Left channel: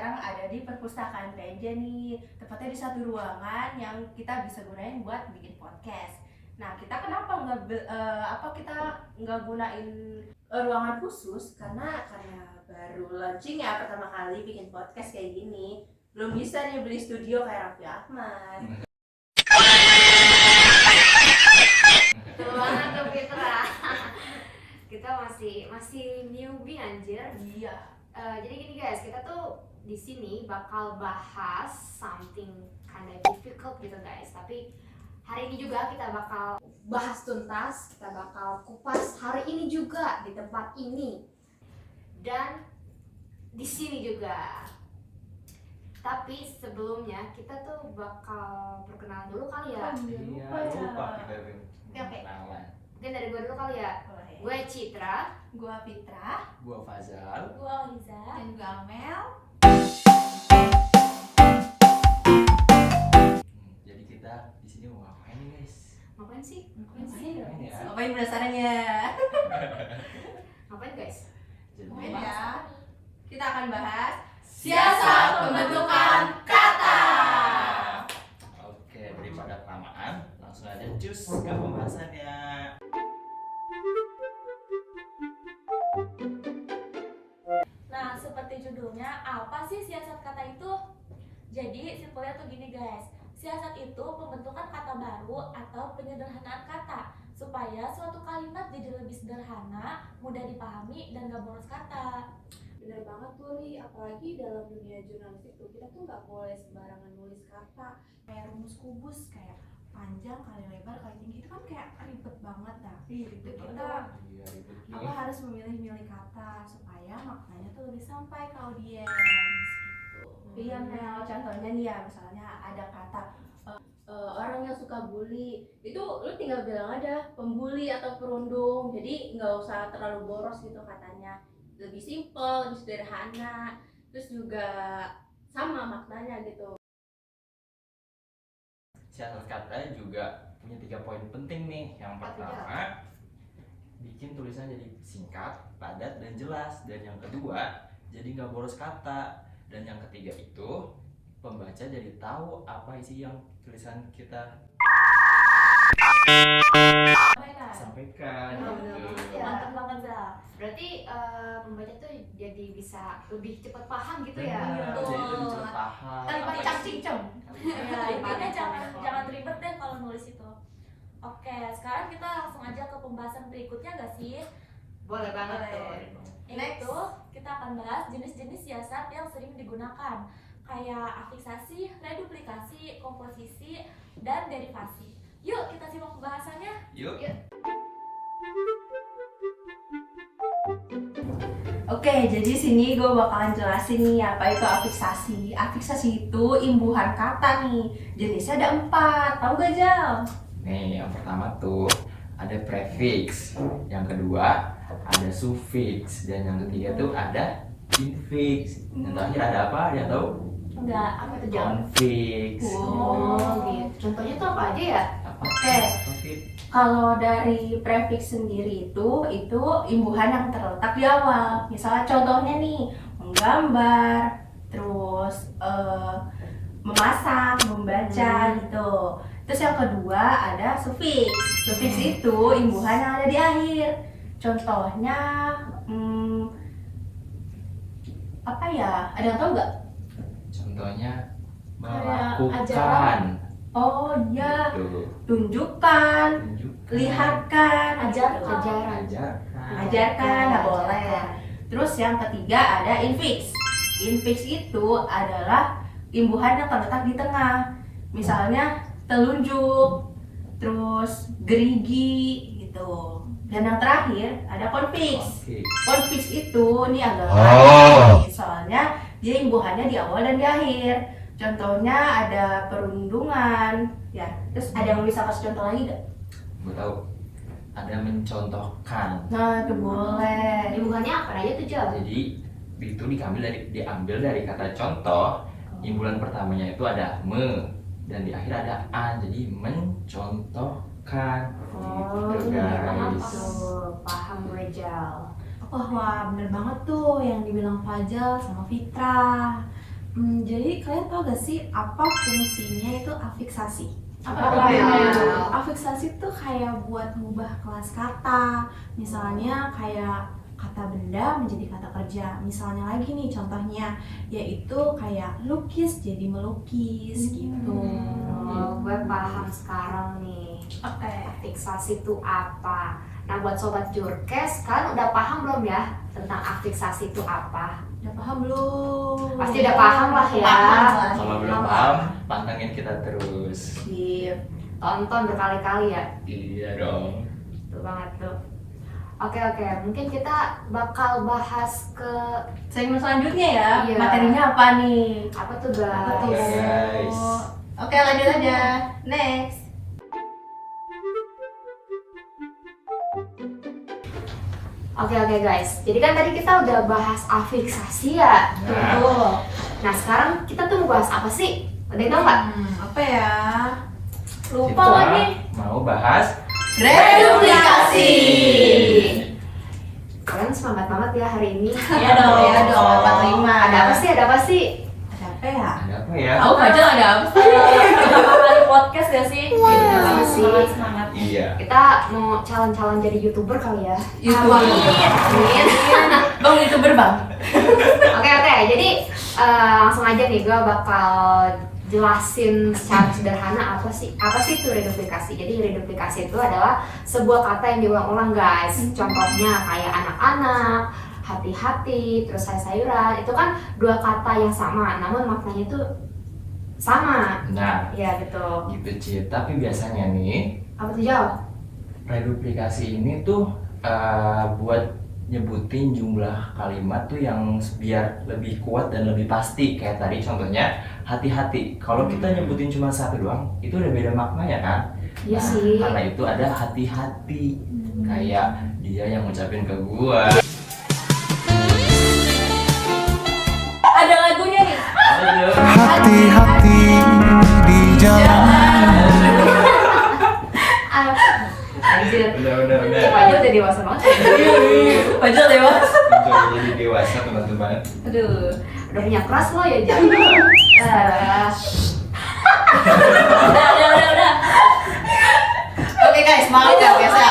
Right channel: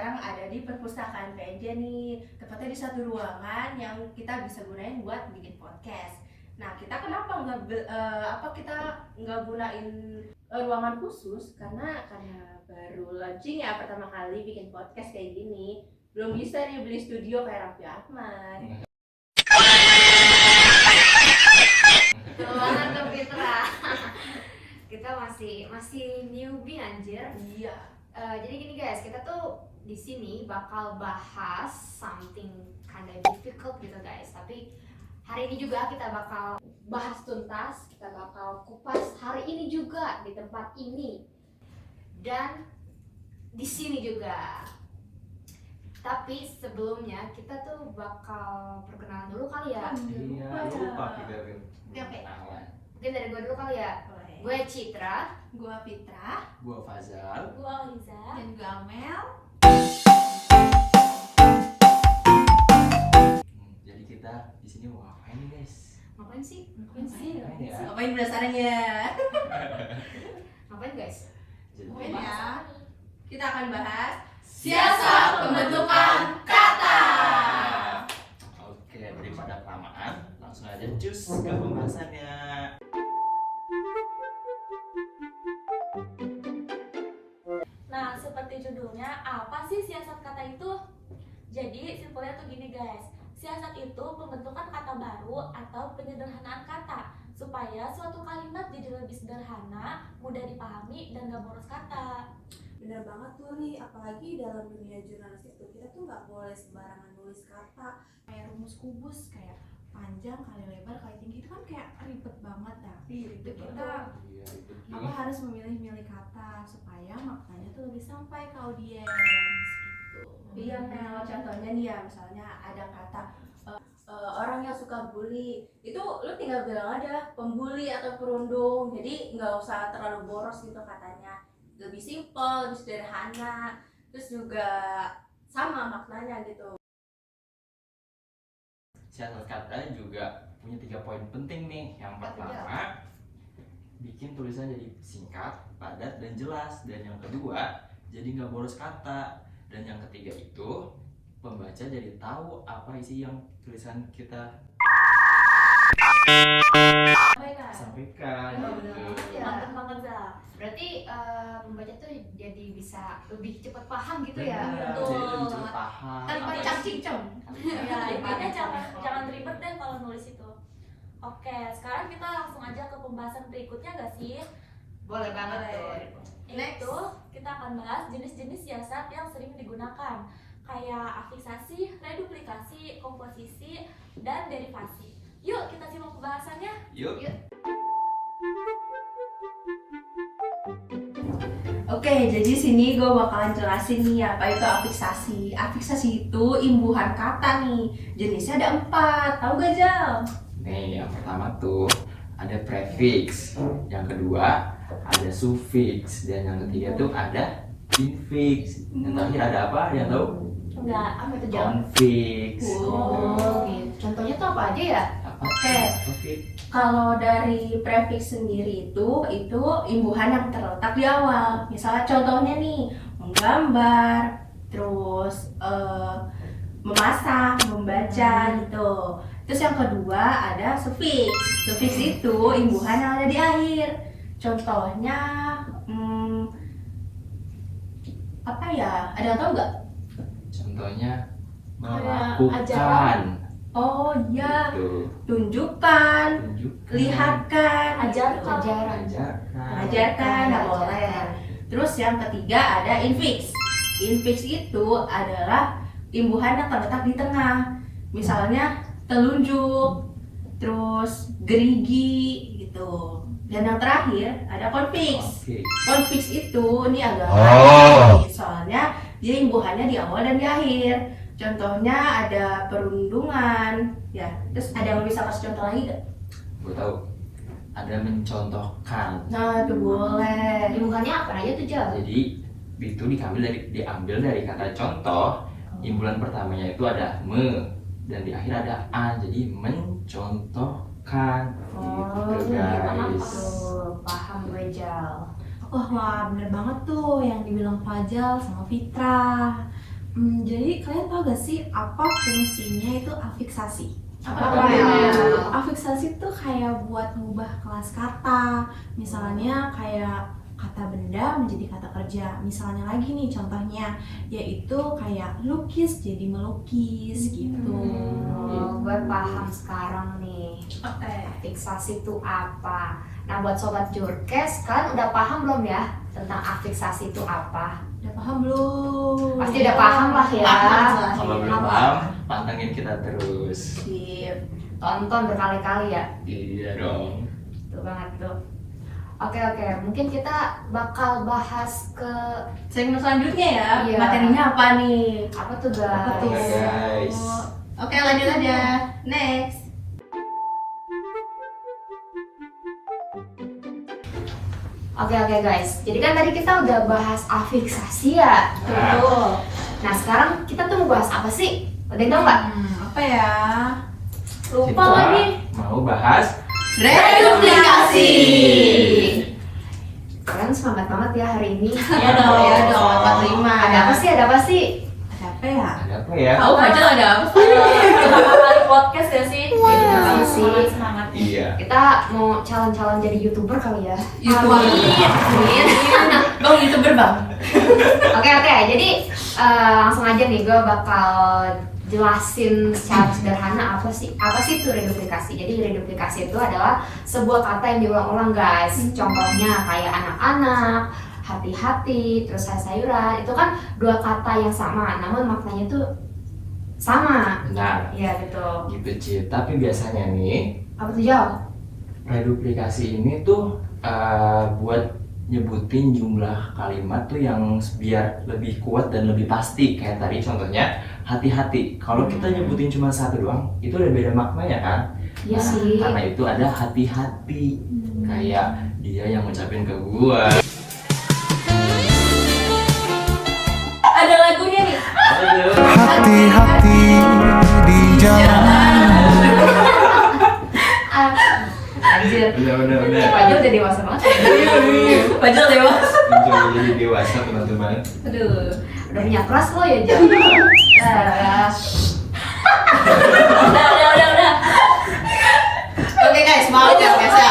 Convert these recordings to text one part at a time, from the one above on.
sekarang ada di perpustakaan PNJ nih, tepatnya di satu ruangan yang kita bisa gunain buat bikin podcast. Nah, kita kenapa kita nggak gunain ruangan khusus? Karena baru launching ya, pertama kali bikin podcast kayak gini, belum bisa nih beli studio kayak Raffi Ahmad. Betul banget tuh Fitra. Kita masih newbie anjir. Iya. Jadi gini guys, kita tuh di sini bakal bahas something kinda difficult gitu guys. Tapi hari ini juga kita bakal bahas tuntas, kita bakal kupas hari ini juga di tempat ini dan di sini juga. Tapi sebelumnya kita tuh bakal perkenalan dulu kali ya. Iya, lupa kita Oke. tangan. Mungkin dari gue dulu kali ya. Gue Citra. Gua Fitra. Gua Fazal. Gue Liza. Dan gua Amel. Jadi kita di sini mau ngapain nih guys? Ngapain sih? Ngapain ya? Ngapain penasarannya? Ngapain guys? Jadi Ngapain bahas ya? Kita akan bahas Siasat pembentukan kata. Oke, daripada kelamaan, langsung aja cus ke pembahasannya. Nah, seperti judulnya, apa sih siasat kata itu? Jadi, simpelnya tuh gini guys. Siasat itu pembentukan kata baru atau penyederhanaan kata supaya suatu kalimat jadi lebih sederhana, mudah dipahami, dan gak boros kata. Bener banget tuh Li, apalagi dalam dunia jurnalistik tuh kita tuh nggak boleh sembarangan nulis kata. kayak rumus kubus, kayak panjang kali lebar kali tinggi, itu kan kayak ribet banget. Tapi itu kita Iya, ribet apa nih. harus memilih-milih kata supaya maknanya tuh lebih sampai ke audiens gitu. Iya, Mel, contohnya nih ya, misalnya ada kata orang yang suka bully, itu lu tinggal bilang aja pembuli atau perundung, jadi nggak usah terlalu boros gitu katanya, lebih simple, lebih sederhana, terus juga sama maknanya gitu. Siasat kata juga punya 3 poin penting nih. Yang pertama, bikin tulisan jadi singkat, padat, dan jelas. Dan yang kedua, jadi nggak boros kata. Dan yang ketiga itu, pembaca jadi tahu apa isi yang tulisan kita sampaikan. Gitu. Mantap banget, Zal. Berarti pembaca tuh jadi bisa lebih cepat paham gitu ya. Benar, Betul. jadi lebih cepat paham. Tanpa apa isi- cang-cicem. Ya, intinya jangan ribet deh kalau nulis itu. Oke, sekarang kita langsung aja ke pembahasan berikutnya gak sih? Boleh banget Boleh. tuh. Yaitu, kita akan bahas jenis-jenis siasat yang sering digunakan, kayak afiksasi, reduplikasi, komposisi, dan derivasi. Yuk kita simak pembahasannya. Yuk. Oke, jadi sini gue bakalan jelasin nih apa itu afiksasi. Afiksasi itu imbuhan kata nih. Jenisnya ada 4. Tahu gak, Jal? Nih, yang pertama tuh ada prefix, yang kedua ada suffix, dan yang ketiga tuh ada infix. Yang terakhir ada apa? Yang tahu? Enggak, Apa tuh Jal? Confix. Oh, gitu. Contohnya tuh apa aja ya? Apa? Oke. Confix. Kalau dari prefix sendiri itu imbuhan yang terletak di awal. Misalnya contohnya nih, menggambar, terus memasang, membaca gitu. Terus yang kedua ada suffix. Suffix itu imbuhan yang ada di akhir. Contohnya apa ya? Ada yang tahu nggak? Contohnya Kayak melakukan. Oh iya, Gitu. tunjukkan, Tunjukkan. lihatkan, ajarkan. Ajarkan. ajarkan, nggak boleh. Terus yang ketiga ada infix. Infix itu adalah imbuhan yang terletak di tengah. Misalnya telunjuk, terus gerigi gitu. Dan yang terakhir ada konfiks. Confix. Konfiks itu ini agak soalnya dia imbuhannya di awal dan di akhir. Contohnya ada perundungan, ya. Terus ada yang bisa kasih contoh lagi gak? Gue tahu. Ada mencontohkan. Nah, itu boleh. Imbuhannya apa aja tuh Jal? Jadi itu diambil dari kata contoh. Imbuhan pertamanya itu ada me, dan di akhir ada a, jadi mencontohkan. Oh, Gitu itu gimana guys. tuh? Paham gue Jal. Wah bener banget tuh yang dibilang Fajal sama Fitra. Jadi kalian tahu gak sih apa fungsinya itu afiksasi? Apa ya? Afiksasi tuh kayak buat mengubah kelas kata. Misalnya kayak kata benda menjadi kata kerja. Misalnya lagi nih contohnya, yaitu kayak lukis jadi melukis gitu. Oh, gue paham sekarang nih. Afiksasi itu apa? Nah, buat sobat Jurkes, kalian udah paham belum ya tentang afiksasi itu apa? Udah paham belum? Pasti udah paham lah ya. Kalau belum paham, pantengin kita terus. Sip. Tonton berkali-kali ya. Iya dong. Betul banget tuh. Oke, mungkin kita bakal bahas ke Segmen selanjutnya ya. Iya. Materinya apa nih? apa tuh guys? Apa tuh? Oke, guys. Oke, lanjut aja. Next. Oke guys, jadi kan tadi kita udah bahas afiksasi ya. Betul. Nah sekarang kita tuh mau bahas apa sih? Ada yang tau nggak? Apa ya? Lupa Kita lagi. mau bahas Reduplikasi. Kalian semangat banget ya hari ini. Iya dong. Iya dong, terima. Ada apa sih? Ada apa ya? ada apa ya? Tahu aja ada apa? Pertama kali podcast ya sih. Semangat. Iya. Kita mau calon-calon jadi YouTuber kali ya. Bang YouTuber bang. Oke, jadi langsung aja nih gue bakal jelasin secara sederhana apa sih itu reduplikasi. Jadi reduplikasi itu adalah sebuah kata yang diulang-ulang guys. Contohnya kayak anak-anak, hati-hati, terus sayur-sayuran. Itu kan dua kata yang sama, namun maknanya itu sama. Nah, Ya betul. gitu Cid. Tapi biasanya nih, Apa tuh jauh? reduplikasi ini tuh buat nyebutin jumlah kalimat tuh yang biar lebih kuat dan lebih pasti. Kayak tadi contohnya hati-hati. Kalau kita nyebutin cuma satu doang, itu udah beda maknanya kan? Iya Nah, sih. karena itu ada hati-hati. Kayak dia yang ngucapin ke gua. Ada lagunya nih. Aduh. Hati-hati di jalan. Anjir. Bener. Pajul udah dewasa banget. Pajul lewat. Mencoba jadi dewasa teman-teman. Aduh. Udah punya keras lo ya Jam. Udah. Oke guys, semangat ya guys ya.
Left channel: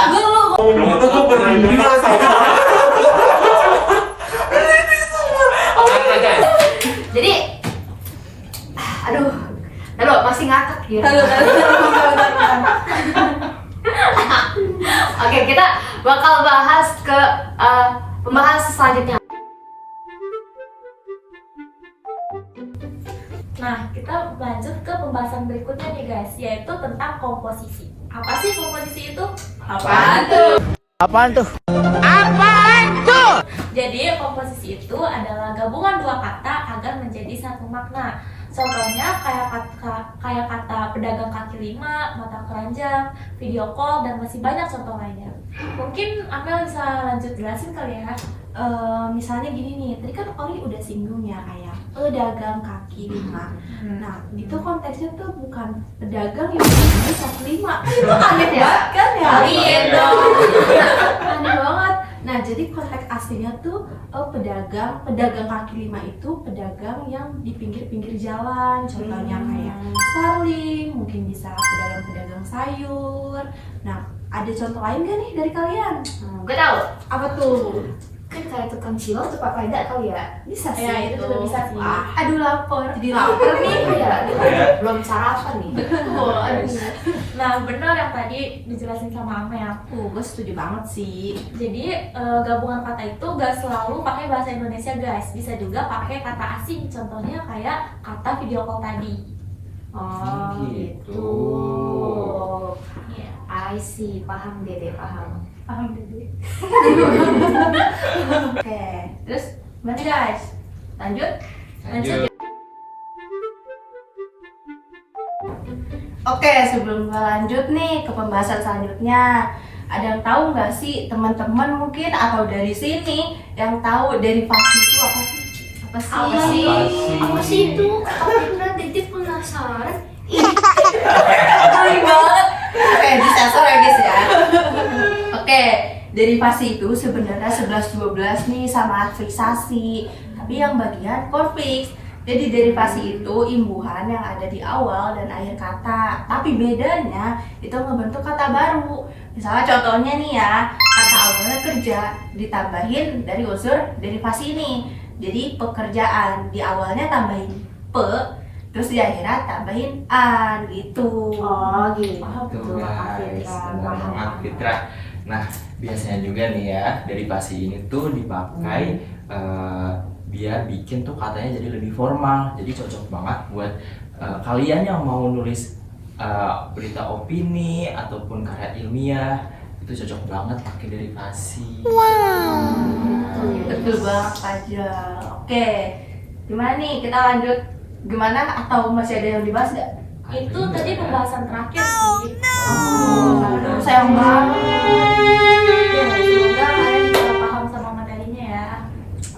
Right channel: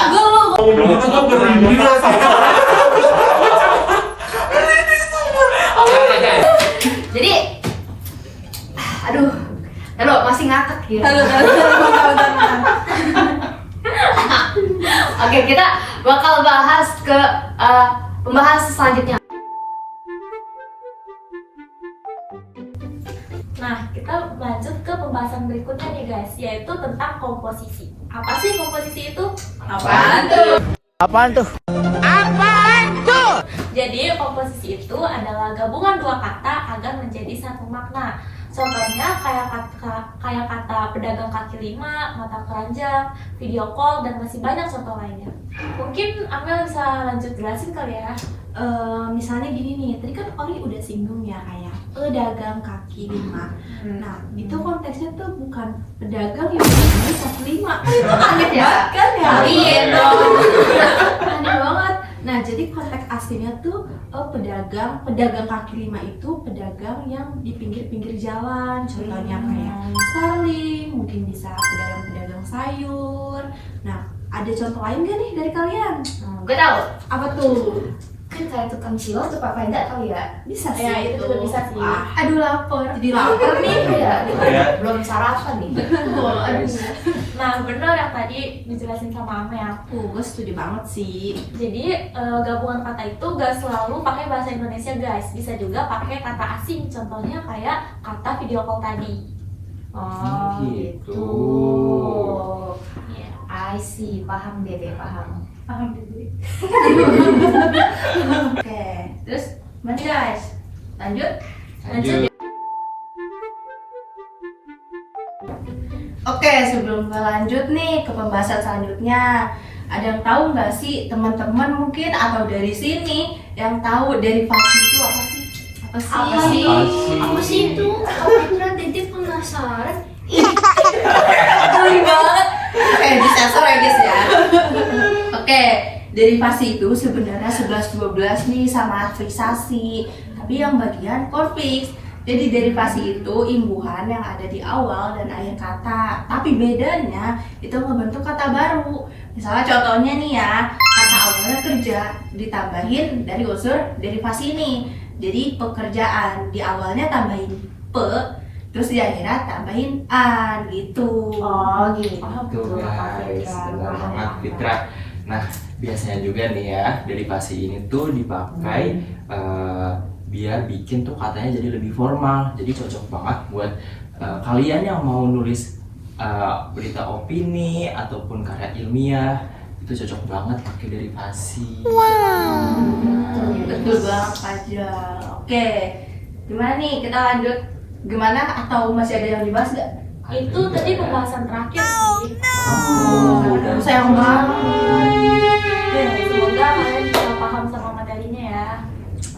Jadi, aduh, masih ngakak ya. Bentar. Oke, kita bakal bahas ke pembahasan selanjutnya. Nah, kita lanjut ke pembahasan berikutnya nih guys, yaitu tentang komposisi. Apa sih komposisi itu? Apaan tuh? Jadi komposisi itu adalah gabungan dua kata agar menjadi satu makna. Contohnya kayak kata pedagang kaki lima, mata keranjang, video call, dan masih banyak contoh lainnya. Mungkin Amel bisa lanjut jelasin kali ya. Misalnya gini nih, tadi kan Oli udah singgung ya kayak pedagang kaki lima. Nah, itu konteksnya tuh bukan pedagang yang beli kaki lima. Itu aneh banget kan ya? Iya dong. Aneh banget. Nah, jadi konteks aslinya tuh pedagang kaki lima itu pedagang yang di pinggir-pinggir jalan. Contohnya kayak Starling, mungkin bisa pedagang-pedagang sayur. Nah, ada contoh lain gak nih dari kalian? Gue tahu. Apa tuh? Kan kayak tukang cilok tuh Pak Penda kali ya. Bisa sih Ya, itu juga bisa sih. Aduh lapar. Jadi lapar nih. Iya, Iya. belum sarapan nih. Nah, bener yang tadi dijelasin sama Amel. Gue setuju banget sih. Jadi gabungan kata itu gak selalu pakai bahasa Indonesia guys, bisa juga pakai kata asing. Contohnya kayak kata video call tadi. Oh, Gitu. Iya. I see, paham Dede, paham. Oke, terus gimana guys? Lanjut? Lanjut. Oke, sebelum lanjut nih ke pembahasan selanjutnya, ada yang tahu nggak sih teman-teman mungkin atau dari sini yang tahu derivasi itu apa sih? Apa sih? Apa sih itu? Aku pernah Dede penasaran. Keren banget. Oke, disensor ya guys ya. Oke, derivasi itu sebenarnya 11-12 nih sama afiksasi, tapi yang bagian konfiks. Jadi derivasi itu imbuhan yang ada di awal dan akhir kata. Tapi bedanya itu membentuk kata baru. Misalnya contohnya nih ya, kata awalnya kerja ditambahin dari unsur derivasi ini. Jadi pekerjaan di awalnya tambahin pe, terus di akhirnya tambahin an gitu. Oh gitu. Tuh guys, benar banget Fitra. Nah, biasanya juga nih ya, derivasi ini tuh dipakai biar bikin tuh katanya jadi lebih formal. Jadi cocok banget buat kalian yang mau nulis berita opini ataupun karya ilmiah, itu cocok banget pakai derivasi. Betul banget aja. Oke, gimana nih kita lanjut? Gimana atau masih ada yang dibahas nggak? Itu tadi pembahasan terakhir sih. Aduh, sayang banget. Ya, semoga kalian bisa paham sama materinya ya.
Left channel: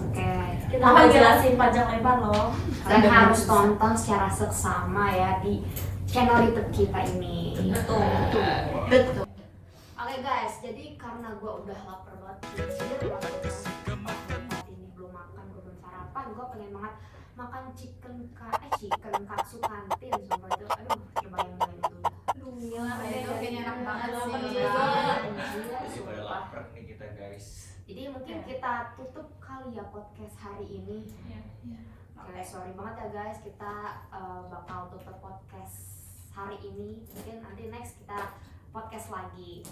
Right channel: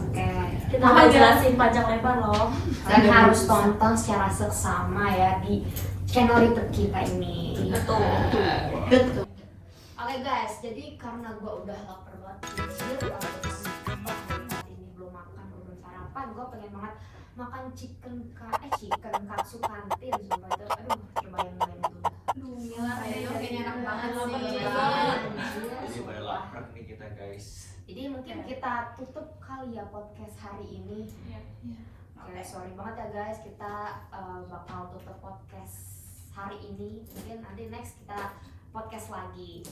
Oke. Kita akan jelasin panjang lebar loh. Dan harus tonton secara seksama ya di channel YouTube kita ini. Betul. Betul. Oke guys, jadi karena gue udah lapar banget, ini belum makan, gue belum sarapan, gue pengen banget makan chicken katsu kantin, sumpah itu, aduh, kebayang banget dulu. Kayaknya enak banget Lapar sih. juga. Jadi pada lapar nih kita guys. Jadi mungkin kita tutup kali ya podcast hari ini. Oke, sorry banget ya guys, kita bakal tutup podcast hari ini. Mungkin nanti next kita podcast lagi.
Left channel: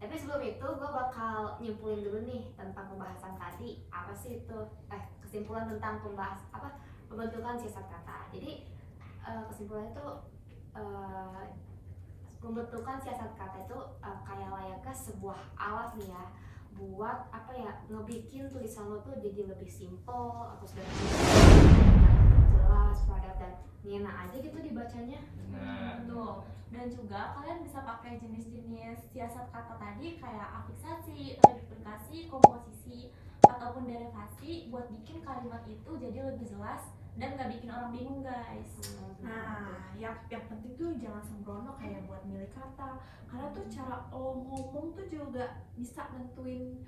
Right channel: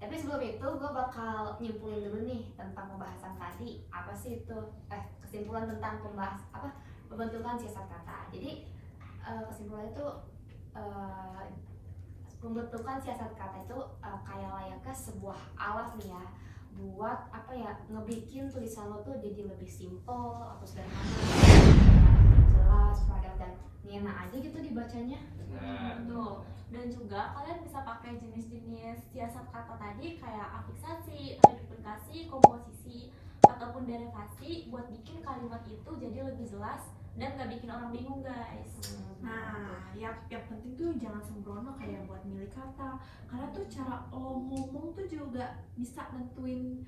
Tapi sebelum itu gue bakal nyimpulin dulu nih tentang pembahasan tadi. Apa sih itu? Kesimpulan tentang pembentukan siasat kata. Jadi kesimpulannya tuh pembentukan siasat kata itu kayak layaknya sebuah alat nih ya, buat apa ya, ngebikin tulisan lo tuh jadi lebih simple atau sederhana, jelas, padat dan ngena aja gitu dibacanya. Betul. Dan juga kalian bisa pakai jenis-jenis siasat kata tadi kayak afiksasi, multiplikasi, komposisi, ataupun derivasi buat bikin kalimat itu jadi lebih jelas dan gak bikin orang bingung guys. Nah, yang penting tuh jangan sembrono kayak buat milih kata, karena tuh cara lo ngomong tuh juga bisa nentuin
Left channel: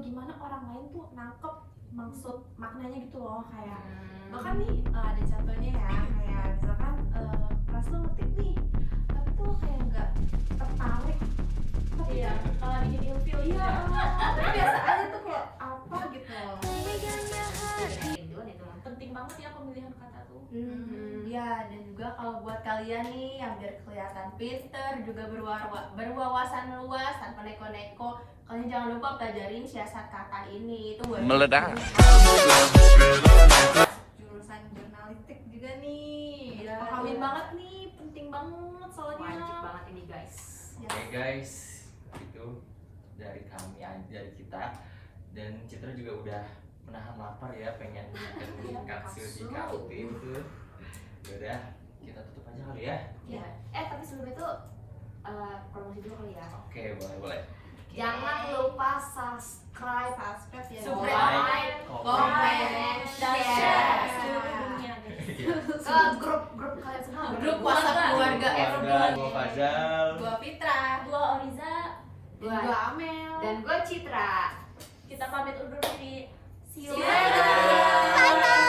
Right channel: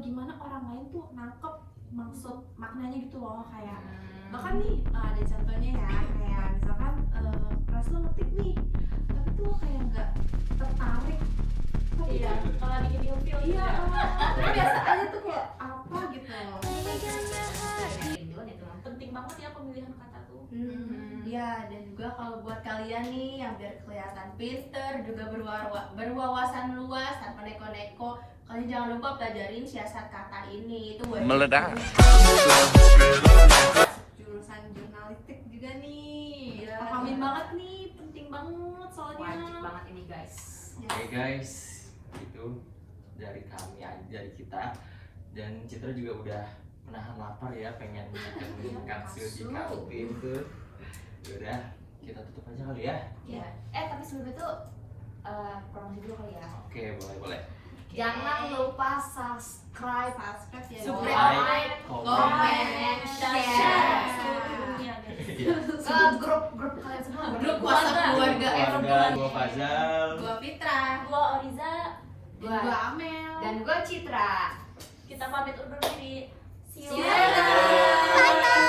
gimana orang lain tuh nangkep maksud maknanya gitu loh. Kayak bahkan nih ada contohnya ya, kayak misalkan pas lo ngetik nih tapi tuh lo kayak nggak tertarik, tapi Iya, kalau bikin ilfil iya juga. tapi biasa aja tuh kayak apa gitu loh. Penting banget ya pemilihan kata tuh. Ya, dan juga kalau buat kalian nih yang biar kelihatan pinter juga berwawasan luas tanpa neko-neko, kalian jangan lupa pelajarin siasat kata ini. Itu buat Meledak. Jurusan jurnalistik juga nih, Iya, pahamin iya. banget nih, penting banget soalnya. Wajib banget ini guys. Oke guys, itu dari kami aja, dari kita. Dan Citra juga udah menahan lapar ya, pengen makan katsu di kantin tuh. Udah, kita tutup aja kali ya. Ya. Tapi sebelum itu promosi dulu kali ya. Oke, boleh. Jangan lupa subscribe, Subscribe ya. Like, comment, share Seluruh dunia guys. ke grup kalian semua. grup WhatsApp keluarga Keluarga, gua Fazal. gua Fitra. Gua Oriza, Gua Amel. Dan gue Citra. kita pamit undur diri. See you. See you. Bye-bye.